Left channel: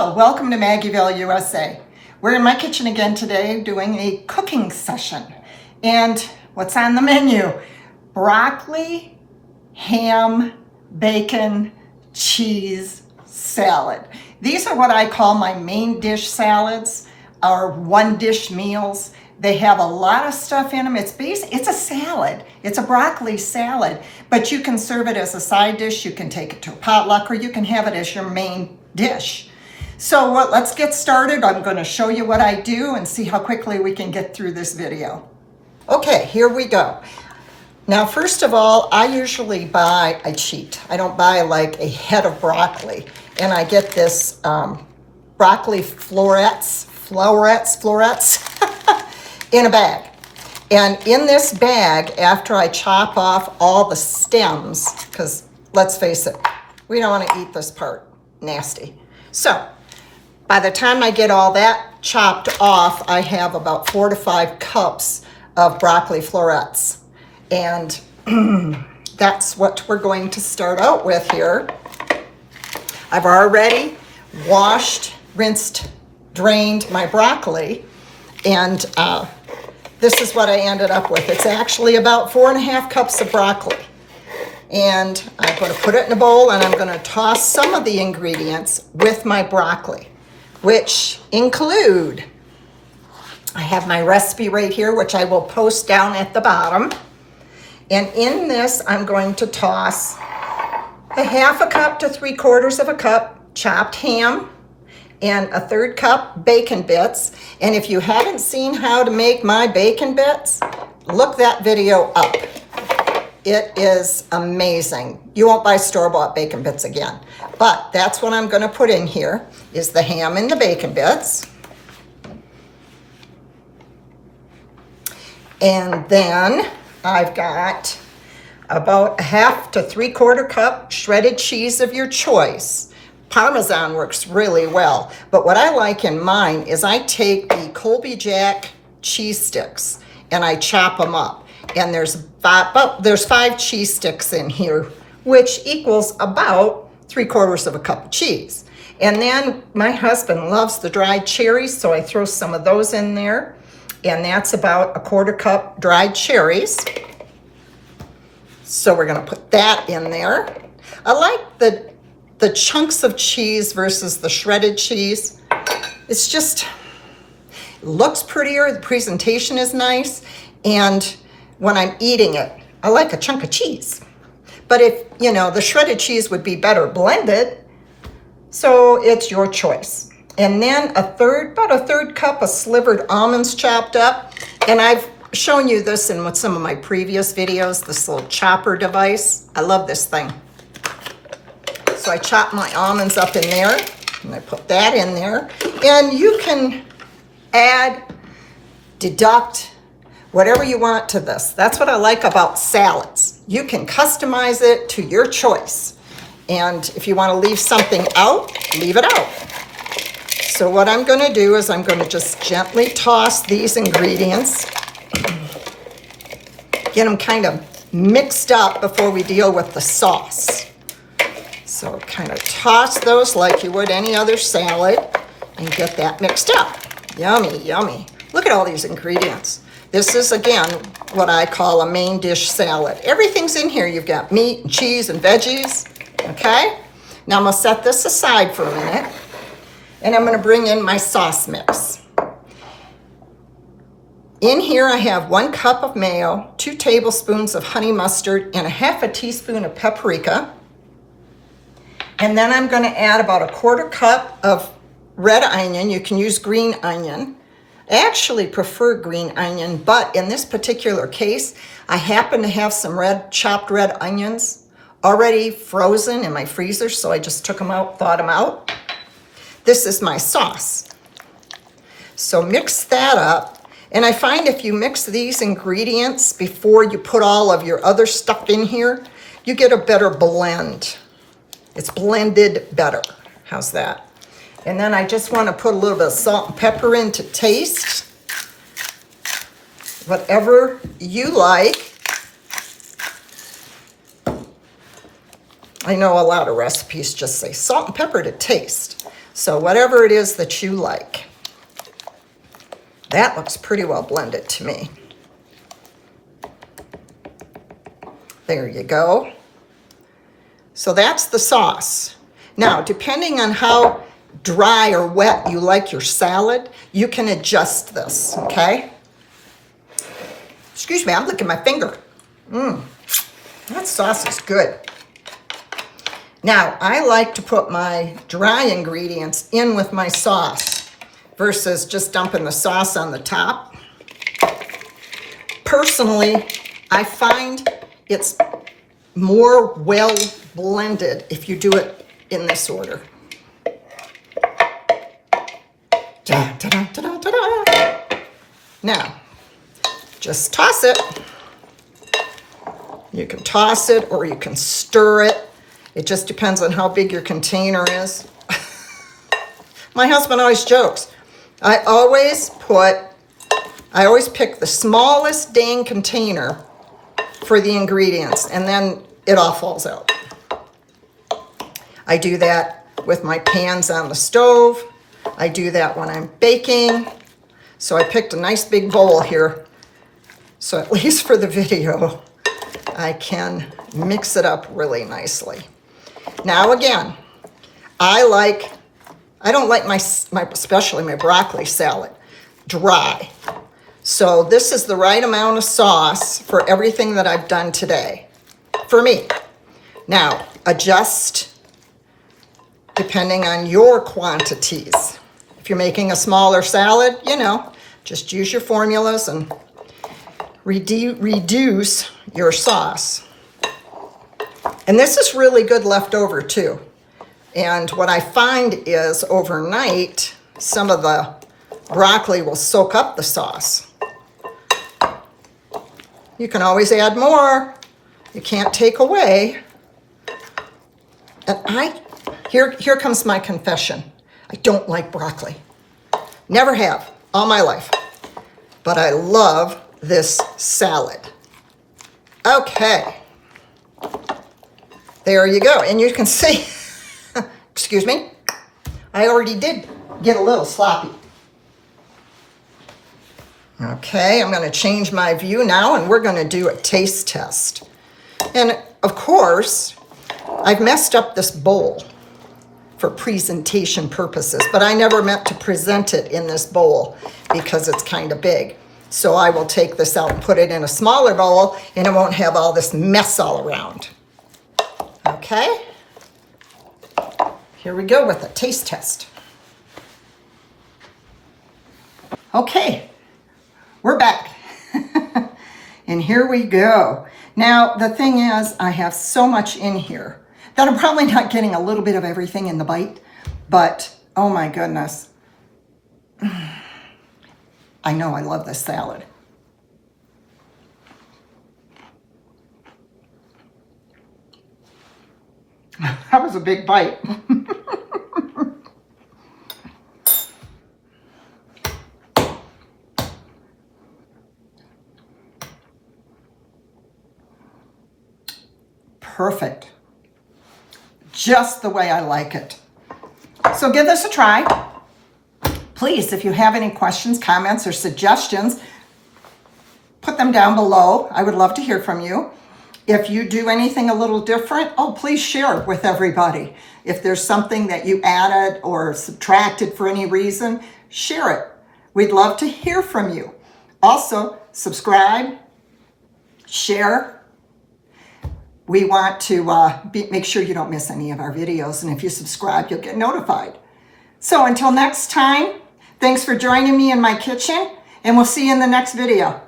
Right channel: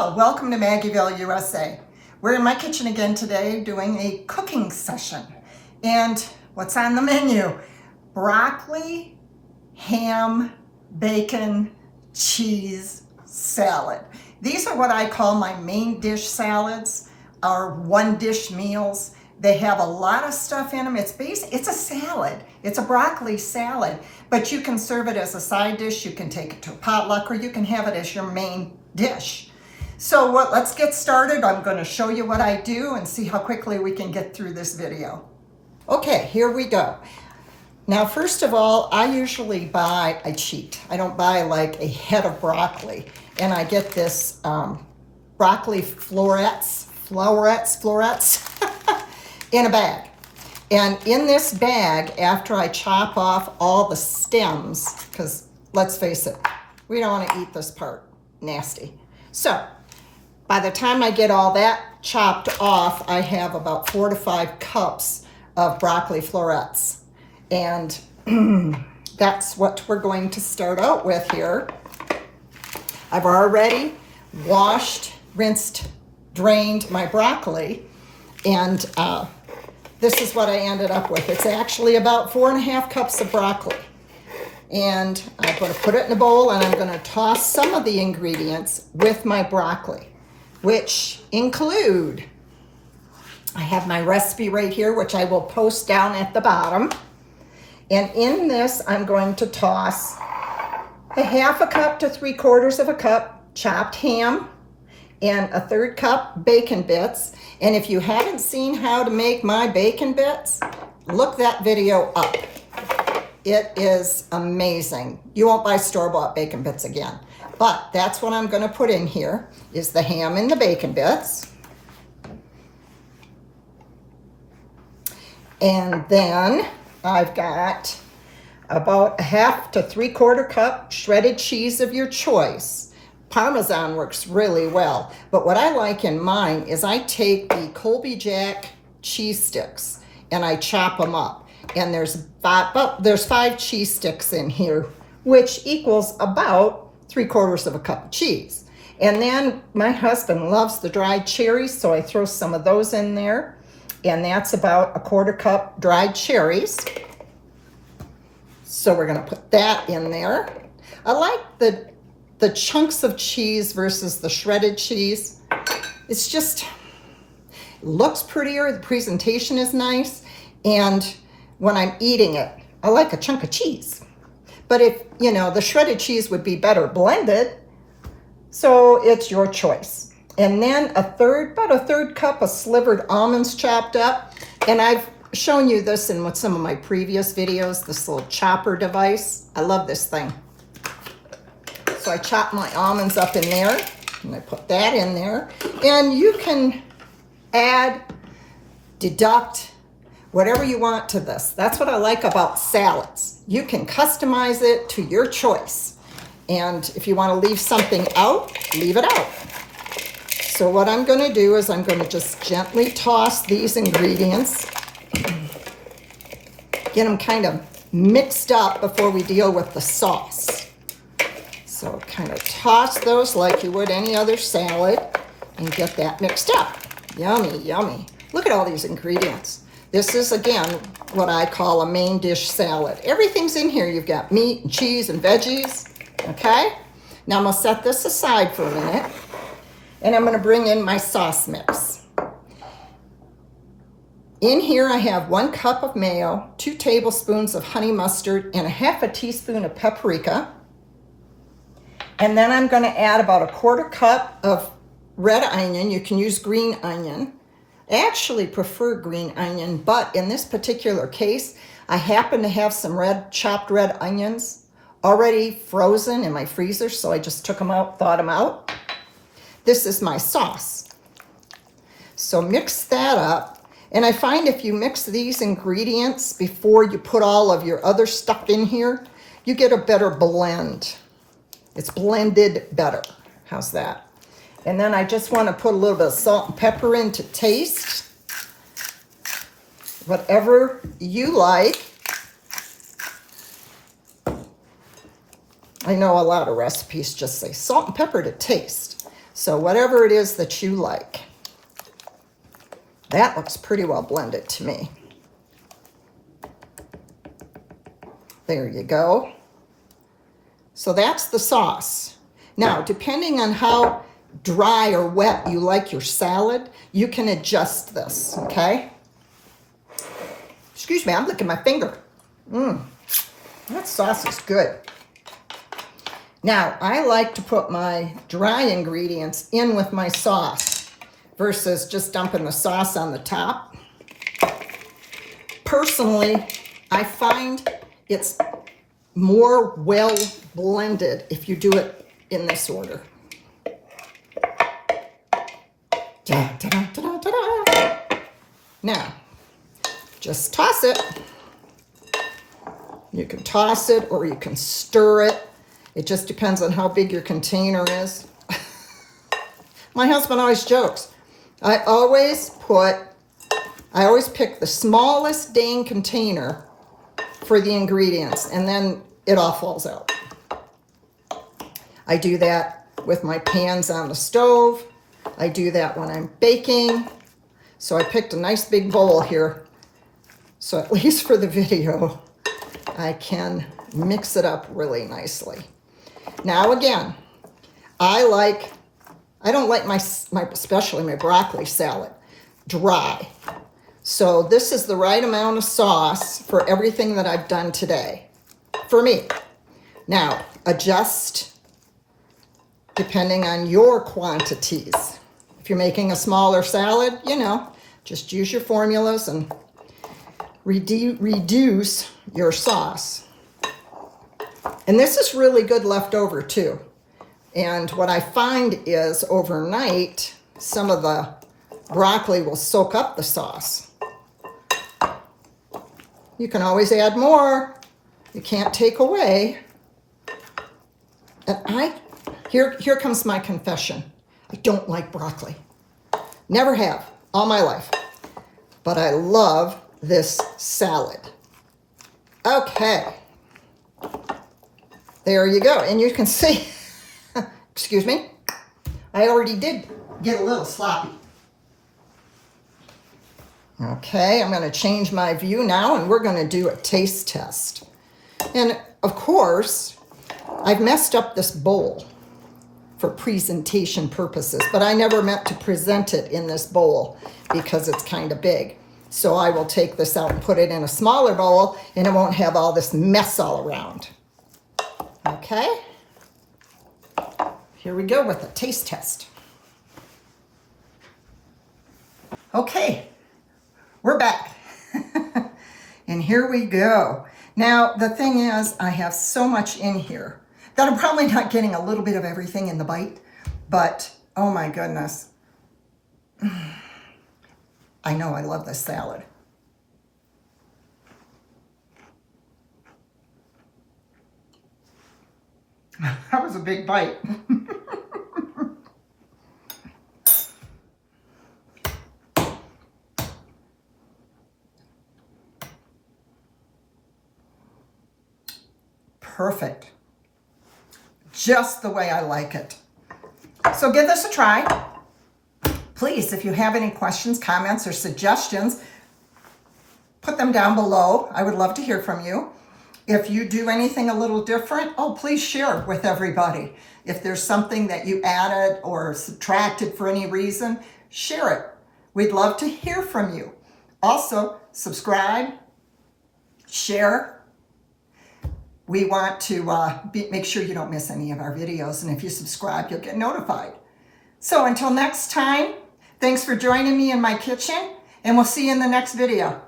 Hello, welcome to Maggieville, USA. We're in my kitchen again today doing a cooking session. And what's on the menu? Broccoli, ham, bacon, cheese salad. These are what I call my main dish salads, or one dish meals. They have a lot of stuff in them. It's a salad. It's a broccoli salad, but you can serve it as a side dish. You can take it to a potluck, or you can have it as your main dish. So let's get started. I'm going to show you what I do and see how quickly we can get through this video. Okay, here we go. Now, first of all, I usually I cheat. I don't buy like a head of broccoli, and I get this Broccoli Florets in a bag. And in this bag, after I chop off all the stems, because let's face it, we don't want to eat this part. Nasty. So by the time I get all that chopped off, I have about 4 to 5 cups of broccoli florets. And that's what we're going to start out with here. I've already washed, rinsed, drained my broccoli, and this is what I ended up with. It's actually about 4.5 cups of broccoli. And I'm going to put it in a bowl, and I'm going to toss some of the ingredients with my broccoli, which include, I have my recipe right here, which I will post down at the bottom. And in this, I'm going to toss a 1/2 cup to 3/4 cup chopped ham, and a 1/3 cup bacon bits. And if you haven't seen how to make my bacon bits, look that video up. It is amazing. You won't buy store-bought bacon bits again. But that's what I'm going to put in here, is the ham and the bacon bits. And then I've got about a 1/2 to 3/4 cup shredded cheese of your choice. Parmesan works really well, but what I like in mine is I take the Colby Jack cheese sticks and I chop them up. And there's 5 cheese sticks in here, which equals about 3/4 cup of cheese. And then my husband loves the dried cherries, so I throw some of those in there. And that's about a 1/4 cup dried cherries. So we're gonna put that in there. I like the chunks of cheese versus the shredded cheese. It's just, it looks prettier, the presentation is nice, and when I'm eating it, I like a chunk of cheese. But if, the shredded cheese would be better blended, so it's your choice. And then about a third cup of slivered almonds chopped up. And I've shown you this in some of my previous videos, this little chopper device. I love this thing. So I chop my almonds up in there, and I put that in there. And you can add, deduct, whatever you want to this. That's what I like about salads. You can customize it to your choice. And if you want to leave something out, leave it out. So what I'm going to do is I'm going to just gently toss these ingredients, get them kind of mixed up before we deal with the sauce. So kind of toss those like you would any other salad and get that mixed up. Yummy, yummy. Look at all these ingredients. This is, again, what I call a main dish salad. Everything's in here. You've got meat and cheese and veggies, okay? Now I'm gonna set this aside for a minute, and I'm gonna bring in my sauce mix. In here I have 1 cup of mayo, 2 tablespoons of honey mustard, and a 1/2 teaspoon of paprika. And then I'm gonna add about a 1/4 cup of red onion. You can use green onion. I actually prefer green onion, but in this particular case, I happen to have some chopped red onions already frozen in my freezer, so I just took them out, thawed them out. This is my sauce. So mix that up, and I find if you mix these ingredients before you put all of your other stuff in here, you get a better blend. It's blended better. How's that? And then I just want to put a little bit of salt and pepper in to taste. Whatever you like. I know a lot of recipes just say salt and pepper to taste. So whatever it is that you like. That looks pretty well blended to me. There you go. So that's the sauce. Now, depending on how dry or wet you like your salad, you can adjust this, okay? Excuse me, I'm licking my finger. That sauce is good. Now, I like to put my dry ingredients in with my sauce versus just dumping the sauce on the top. Personally, I find it's more well blended if you do it in this order. Now, just toss it. You can toss it or you can stir it. It just depends on how big your container is. My husband always jokes. I always pick the smallest dang container for the ingredients, and then it all falls out. I do that with my pans on the stove. I do that when I'm baking. So I picked a nice big bowl here. So at least for the video, I can mix it up really nicely. Now again, I don't like my especially my broccoli salad dry. So this is the right amount of sauce for everything that I've done today, for me. Now, adjust depending on your quantities. If you're making a smaller salad, just use your formulas and reduce your sauce. And this is really good leftover too. And what I find is overnight, some of the broccoli will soak up the sauce. You can always add more. You can't take away. And here comes my confession. I don't like broccoli. Never have, all my life. But I love this salad. Okay. There you go. And you can see, excuse me, I already did get a little sloppy. Okay, I'm going to change my view now, and we're going to do a taste test. And of course, I've messed up this bowl for presentation purposes, but I never meant to present it in this bowl because it's kind of big. So I will take this out and put it in a smaller bowl, and it won't have all this mess all around. Okay, here we go with a taste test. Okay, we're back. And here we go. Now, the thing is, I have so much in here that I'm probably not getting a little bit of everything in the bite, but oh my goodness. I know I love this salad. That was a big bite. Perfect. Just the way I like it. So give this a try. Please, if you have any questions, comments, or suggestions, put them down below. I would love to hear from you. If you do anything a little different, please share it with everybody. If there's something that you added or subtracted for any reason, share it. We'd love to hear from you. Also, subscribe, share. We want to make sure you don't miss any of our videos. And if you subscribe, you'll get notified. So until next time, thanks for joining me in my kitchen, and we'll see you in the next video.